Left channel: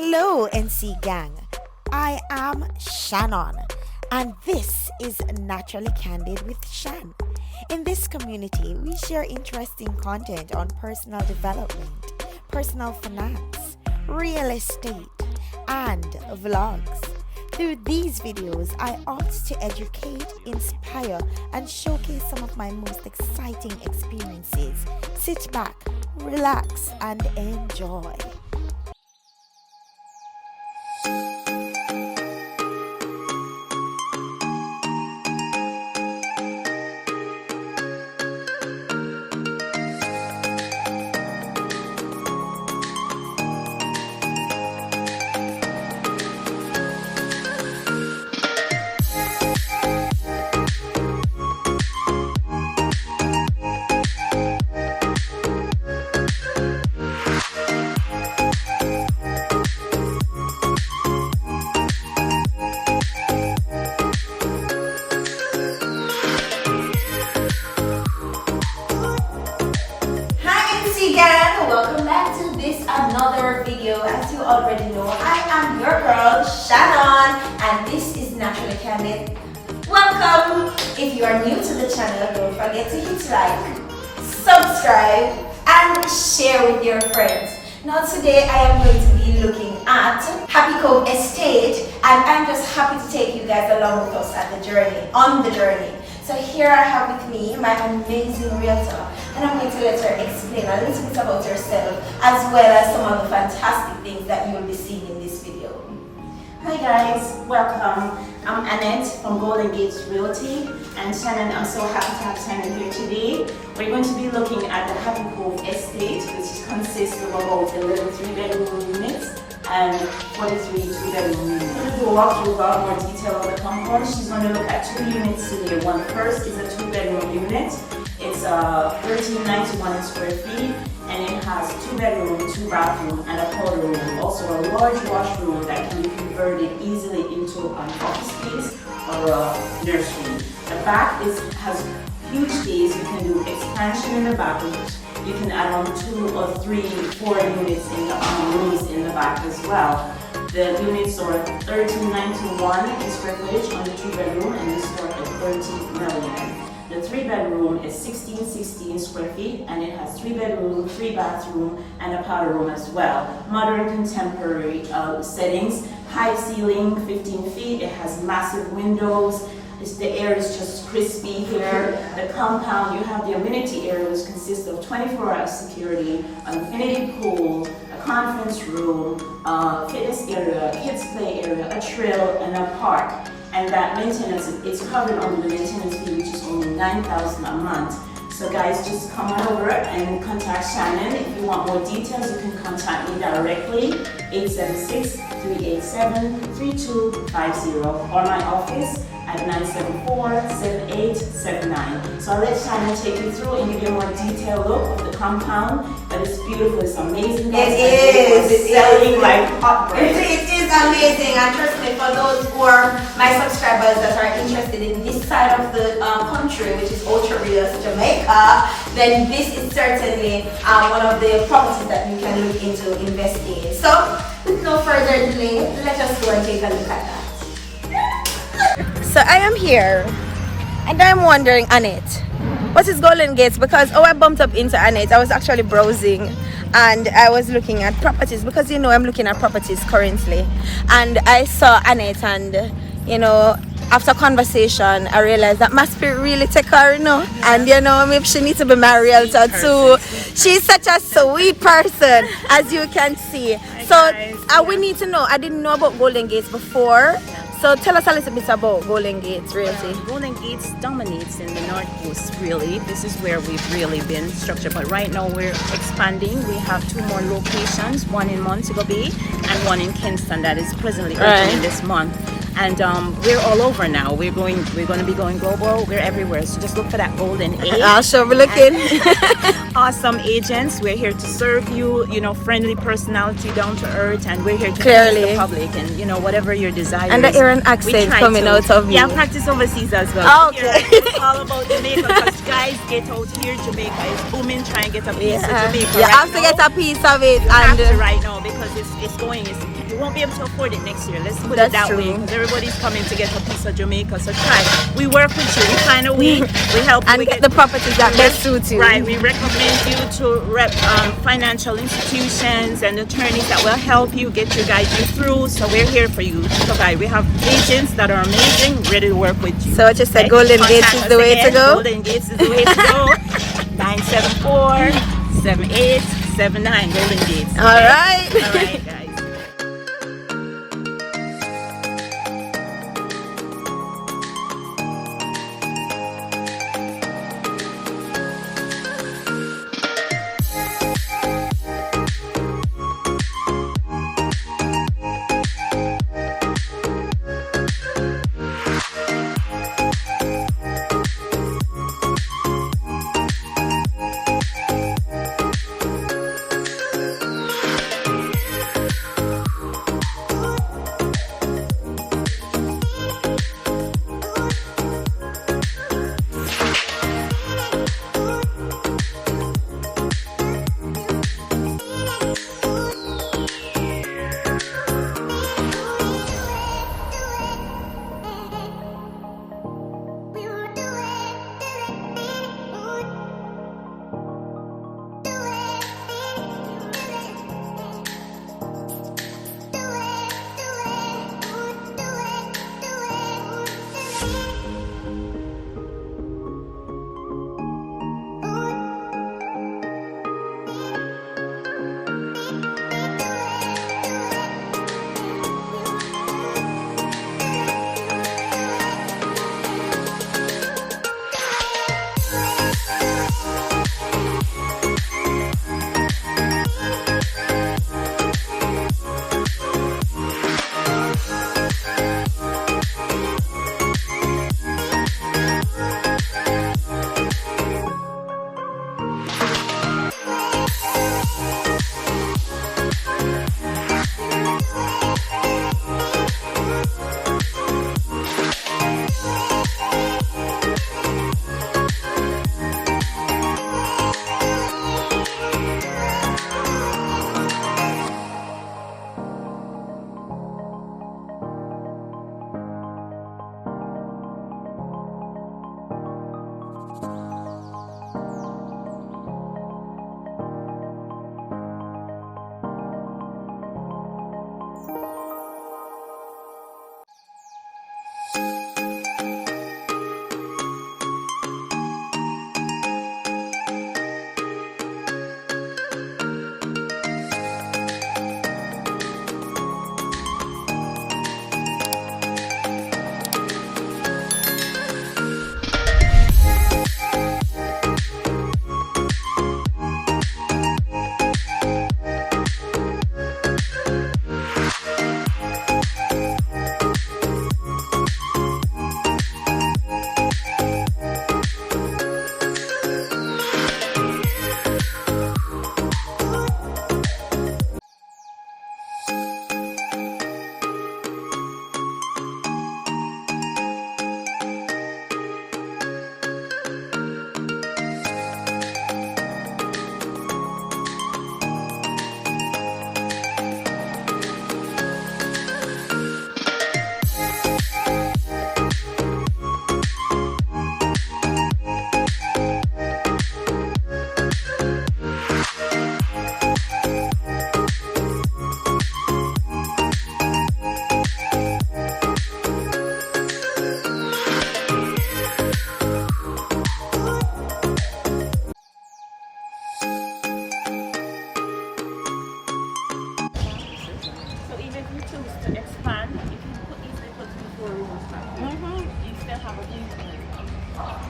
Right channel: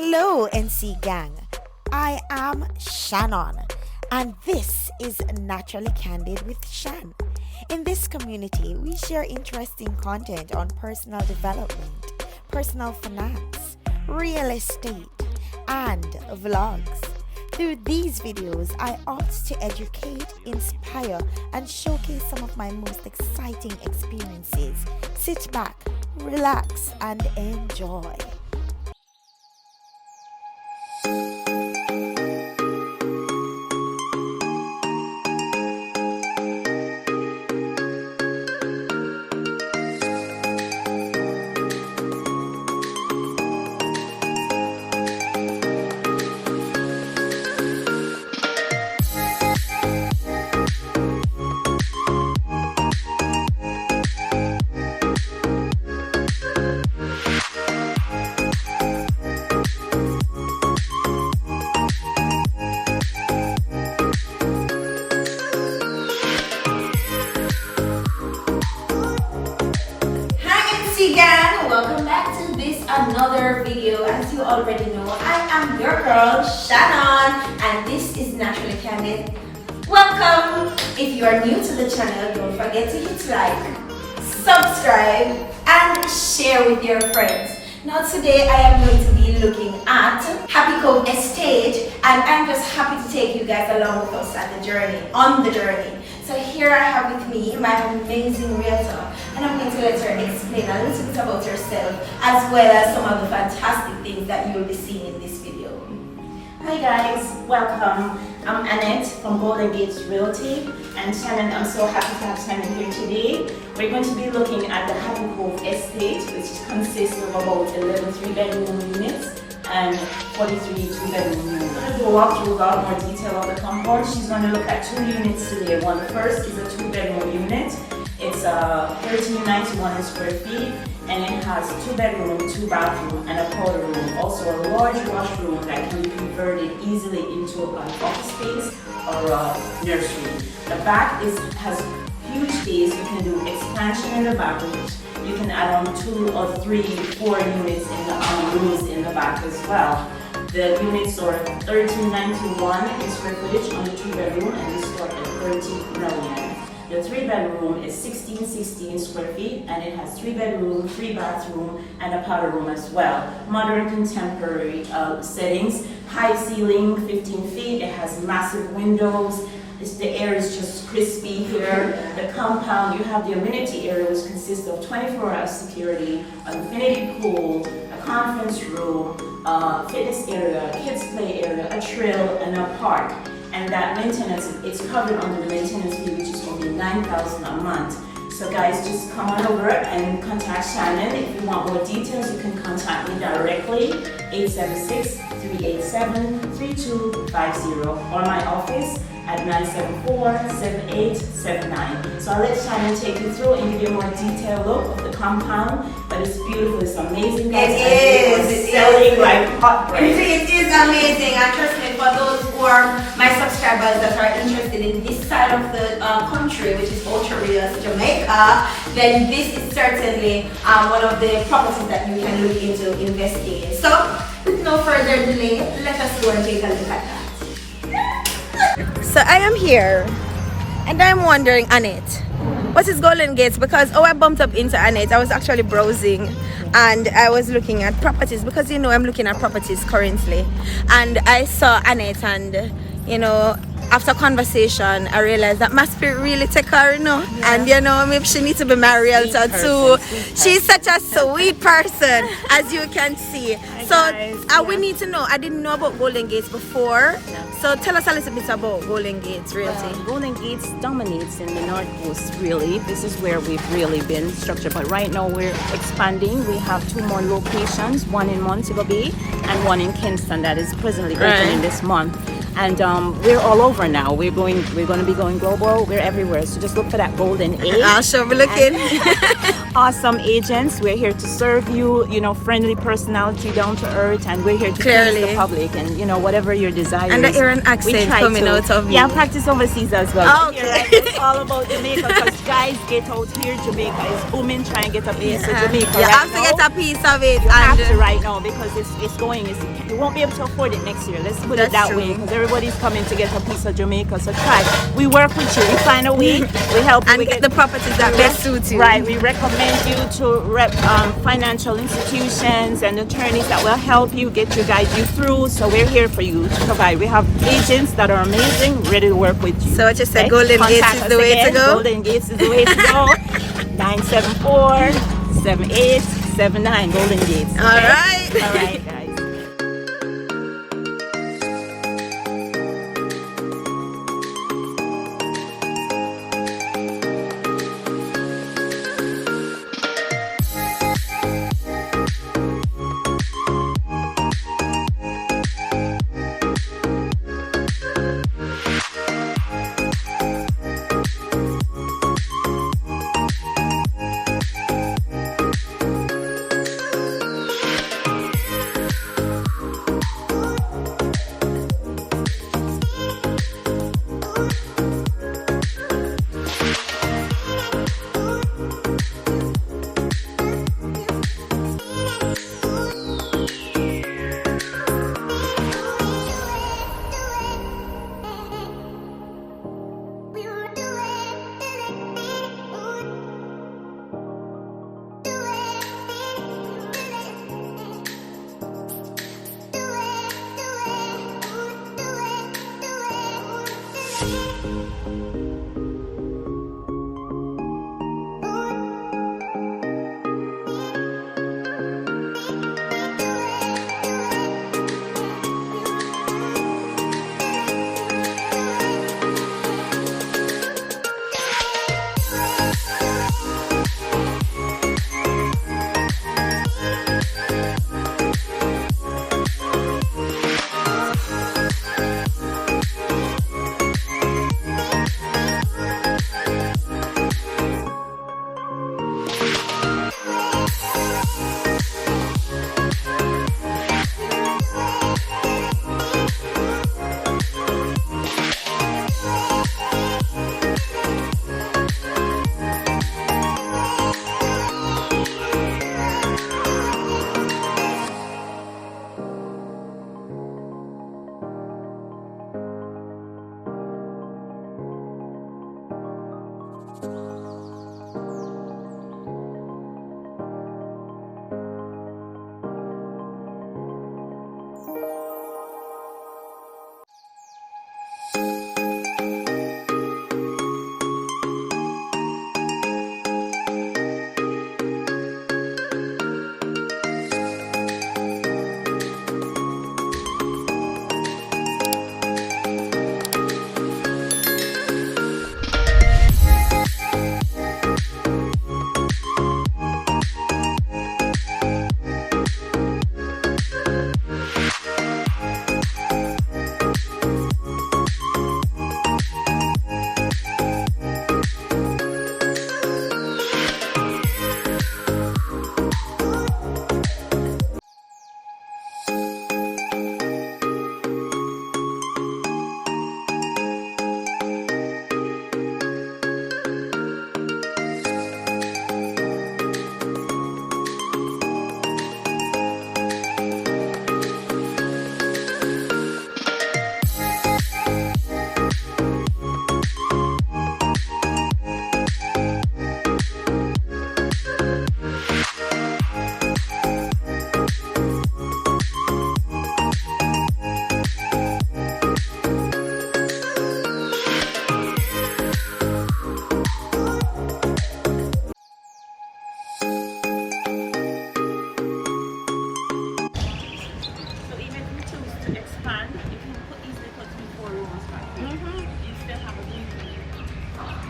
Hello, NC Gang. I am Shannon, and this is Naturally Candid with Shan. In this community, we share interesting content on personal development, personal finance, real estate, and vlogs. Through these videos, I opt to educate, inspire, and showcase some of my most exciting experiences. Sit back, relax, and enjoy. Welcome back to this another video. As you already know, I am your girl Shannon, and this is Naturally Candid. Welcome. If you are new to the channel, don't forget to hit like, subscribe, and share with your friends. Now today I am going to be looking at Happy Cove Estate, and I'm just happy to take you guys along with us on the journey. So here I have with me my amazing realtor, and I'm going to let her explain a little bit about herself, as well as some of the fantastic things that you will be seeing in this video. Hi guys, welcome. I'm Annett from Golden Gates Realty, and Shannon, I'm so happy to have Shannon here today. We're going to be looking at the Happy Cove Estate, which consists of about 11 3-bedroom units and 43 2-bedroom units. I'm going to walk through a lot more detail of the compound. She's going to look at 2 units today. One first is a 2-bedroom unit. It's 1391 square feet, and it has 2 bedroom, 2 bathroom, and a powder room. Also a large washroom that can be converted easily into an office space or a nursery. The back has huge space. You can do expansion in the back. You can add on 2 or 3, 4 units in the rooms in the back as well. The units are 1391 in square footage on the 2-bedroom, and they start at 13 million. The 3-bedroom is 1616 square feet, and it has 3 bedroom, 3 bathroom, and a powder room as well. Modern contemporary settings. High ceiling, 15 feet. It has massive windows. The air is just crispy here. The compound, you have the amenity area, which consists of 24-hour security, an infinity pool, a conference room, fitness area, kids play area, a trail, and a park. And that maintenance, it's covered under the maintenance fee, which is only $9,000 a month. So guys, just come on over and contact Shannon. If you want more details, you can contact me directly, 876-387-3250, or my office at 974-7879. So I'll let Shannon take you through and give you a more detailed look of the compound. But it's beautiful, it's amazing. It's selling like hot bread. It is amazing, and trust me, for those who are my subscribers that are interested in this side of the country, which is Ocho Rios, Jamaica, then this is certainly one of the properties that you can look into investing in. So, with no further delay, let us go and take a look at that. So I am here, and I'm wondering, Annett, what is Golden Gates? Because I bumped up into Annett. I was actually browsing, and I was looking at properties, because I'm looking at properties currently, and I saw Annett, and after conversation I realized that my spirit really take her, and maybe she needs to be my realtor too. She's such a sweet person, as you can see. So we need to know. I didn't know about Golden Gates before. So tell us a little bit about Golden Gates Realty. Golden Gates dominates in the North Coast, really. This is where we've really been structured. But right now we're expanding. We have 2 more locations, one in Montego Bay and one in Kingston that is presently opening this month. And we're all over now. We're going to be going global. We're everywhere. So just look for that Golden A. I'll show you looking. awesome agents. We're here to serve you, you know, friendly personality, down to earth, and we're here to Clearly. please the public and, you know, whatever your desire And the is. Aaron We accent try coming to- out of me. Yeah, practice overseas as well. Oh, okay. It's all about Jamaica because guys get out here. Jamaica is booming. Try and get a piece of Jamaica. You right have to now. get a piece of it. You have And to right now because it's going. You won't be able to afford it next year. Let's put That's it that true. way because everybody's coming to get a piece of Jamaica. So try. We work with you. We find a way. We help you and with get the properties that best suit you. Right, we recommend you to financial institutions and attorneys that will help you, get you, guide you through. So we're here for you to provide. We have agents that are amazing, ready to work with you. So what you said, Okay? Golden Gates Contact is us the way to again. go? Golden Gates is the way to go. 974-7879 Golden Gates. All right. All right, guys.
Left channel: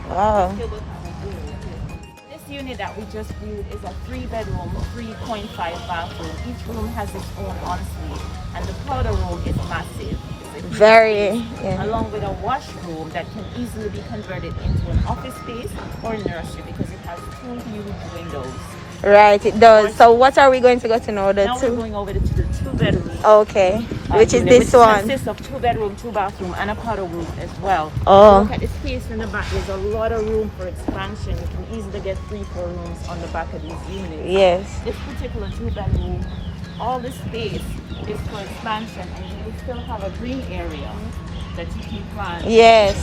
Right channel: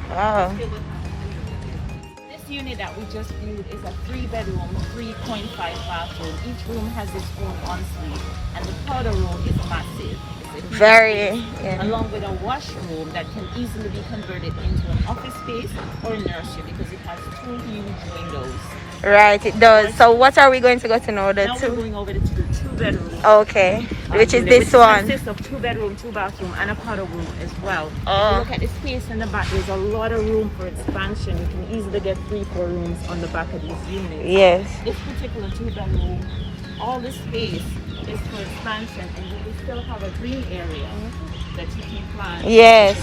Wow. This unit that we just viewed is a 3-bedroom, 3.5 bathroom. Each room has its own ensuite, and the powder room is massive. It's a huge Very, space, yeah. along with a washroom that can easily be converted into an office space or a nursery because it has 2 huge windows. Right, it does. So what are we going to go to now? The Now we're two? going over to the 2-bedroom. Okay, which is this one. It consists of 2-bedroom, 2-bathroom, and a powder room as well. Oh. Look at the space in the back. There's a lot of room for expansion. You can easily get 3-4 rooms on the back of these units. Yes. This particular 2-bedroom, all the space is for expansion, and you can still have a green area that you can plant. Yes.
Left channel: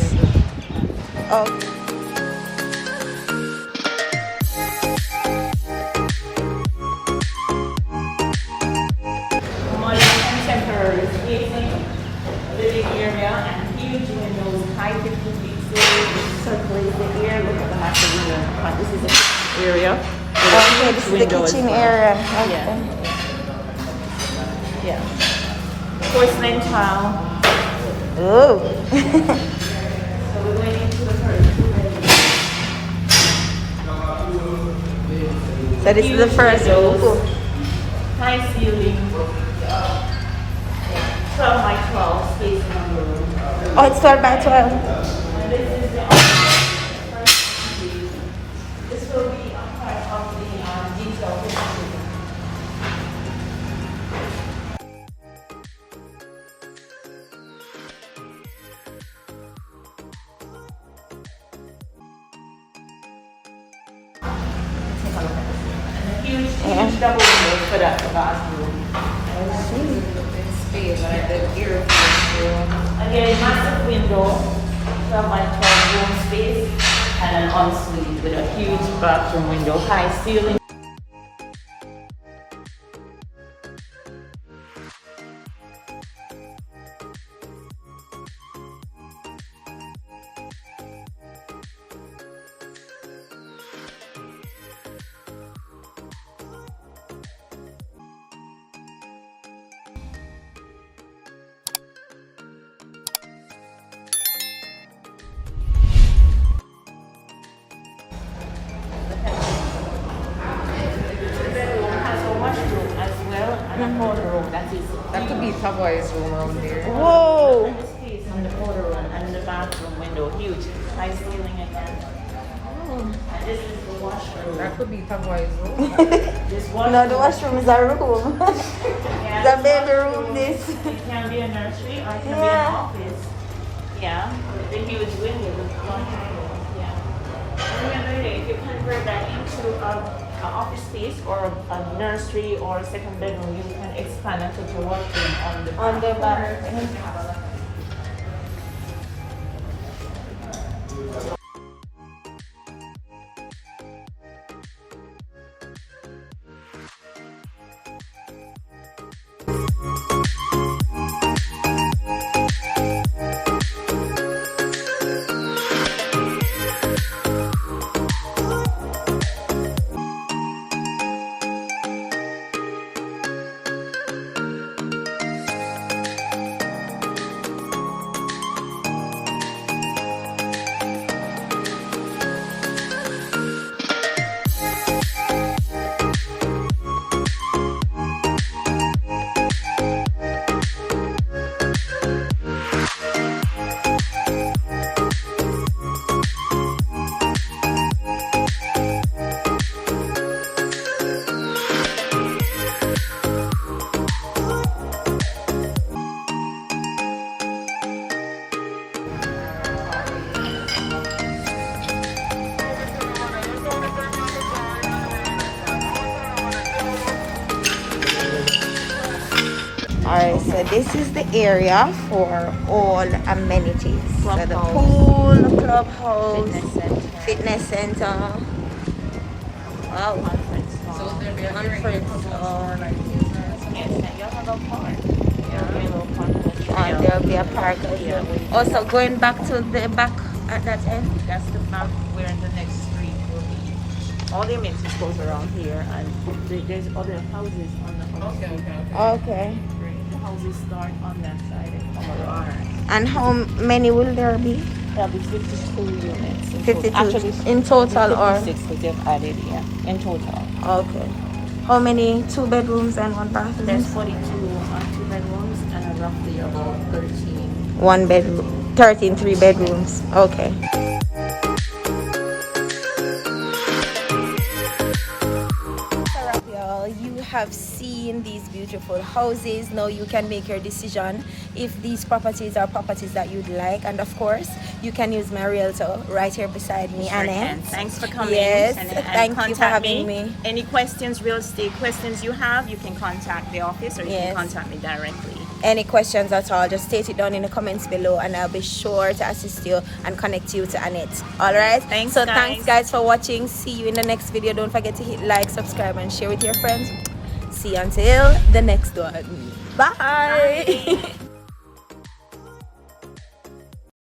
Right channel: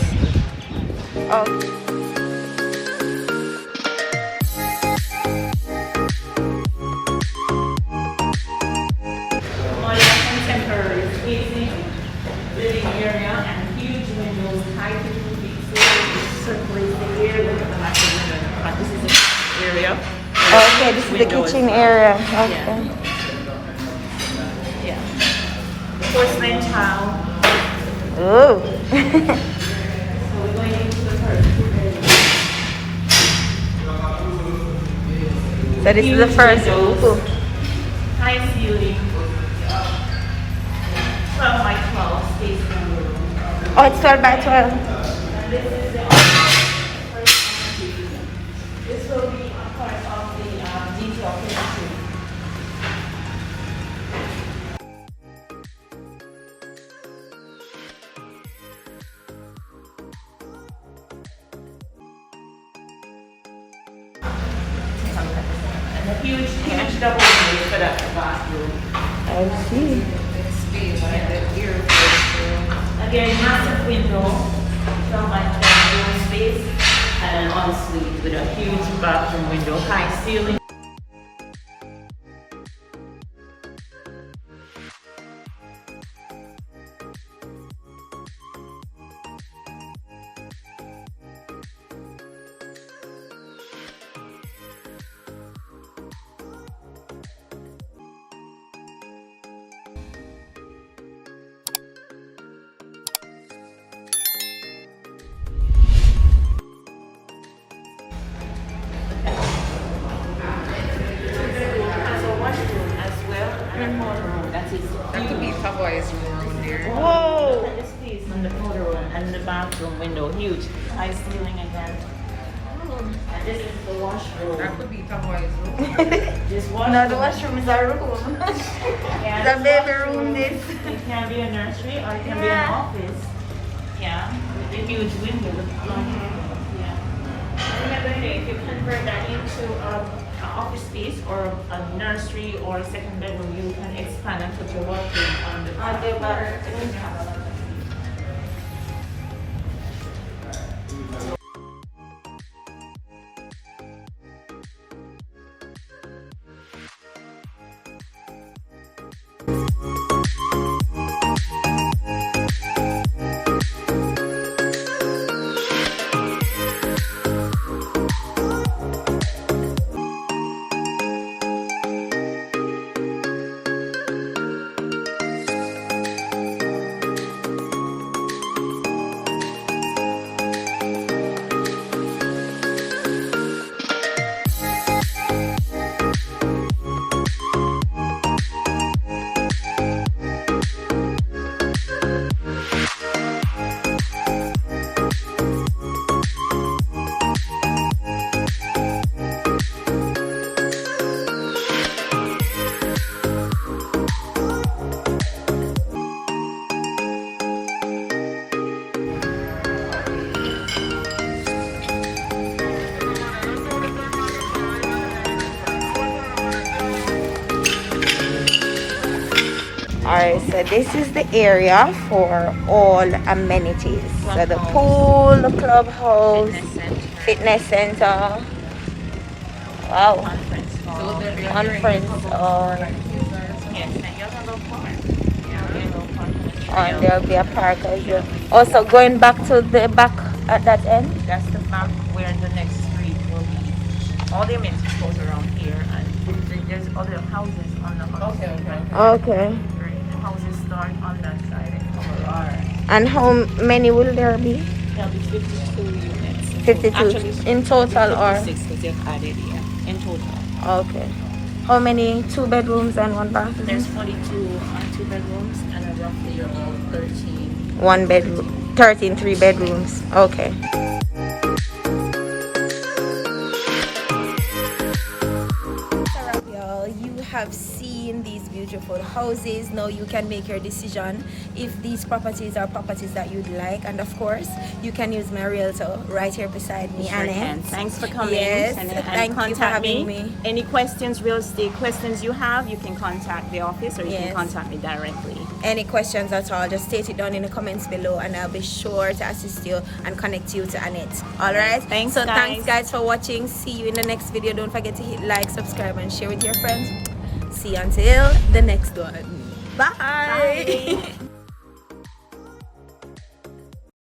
Oh. Contemporary spacing, living area, and huge windows, high kitchen fixtures, circulates the air with the massive window. And this is the area. Okay, this is the kitchen area. Okay. Yeah. Porcelain tile. Oh. So we're going into the first 2-bedroom. So this is the first. Ooh. High ceiling. 12 by 12 space in the room. Oh, it's 12 by 12. And this is the first suite. This will be a part of the detail kitchen. And a huge double window for that bathroom. I see. Again, massive window, 12 by 12 room space, and an ensuite with a huge bathroom window, high ceiling. That could be Pavoy's room around here. Whoa. The space in the photo room and the bathroom window, huge, high ceiling again. And this is the washroom. That could be Pavoy's room. This washroom. No, the washroom is a room. Yeah, The bedroom, this. It can be a nursery or it can be Yeah. an office. Yeah, with the huge window, the front window. Yeah. Remember, hey, if you convert that into an office space or a nursery or a second bedroom, you can expand and put your washroom on the back. Alright, so this is the area for all amenities. So the pool, the clubhouse, fitness center. Wow. Conference hall. Conference hall. Yes, and you have a little park. Yeah, a little park. And there'll be a park as well. Also going back to the back at that end. That's the back where the next street will be. All the amenities goes around here, and there's other houses on the Okay. Okay. The houses start on that side. And how many will there be? Probably 52 units. 52 Actually, in total, or 56 because they've added, yeah, in total. okay. How many 2 bedrooms and 1 bathroom? There's 42 2 bedrooms and roughly about 13. 1 bedroom, 13 3 bedrooms. Okay. Y'all, you have seen these beautiful houses. Now you can make your decision if these properties are properties that you'd like, and of course you can use my realtor right here beside me, Sure Annett. can. Thanks for coming. Yes, and thank you for contact having me. Any questions, real estate questions you have, you can contact the office or you Yes. can contact me directly. Any questions at all, just state it down in the comments below and I'll be sure to assist you and connect you to Annett. Alright? Thanks, Thanks guys for watching. See you in the next video. Don't forget to hit like, subscribe and share with your friends. See you until the next one. Bye.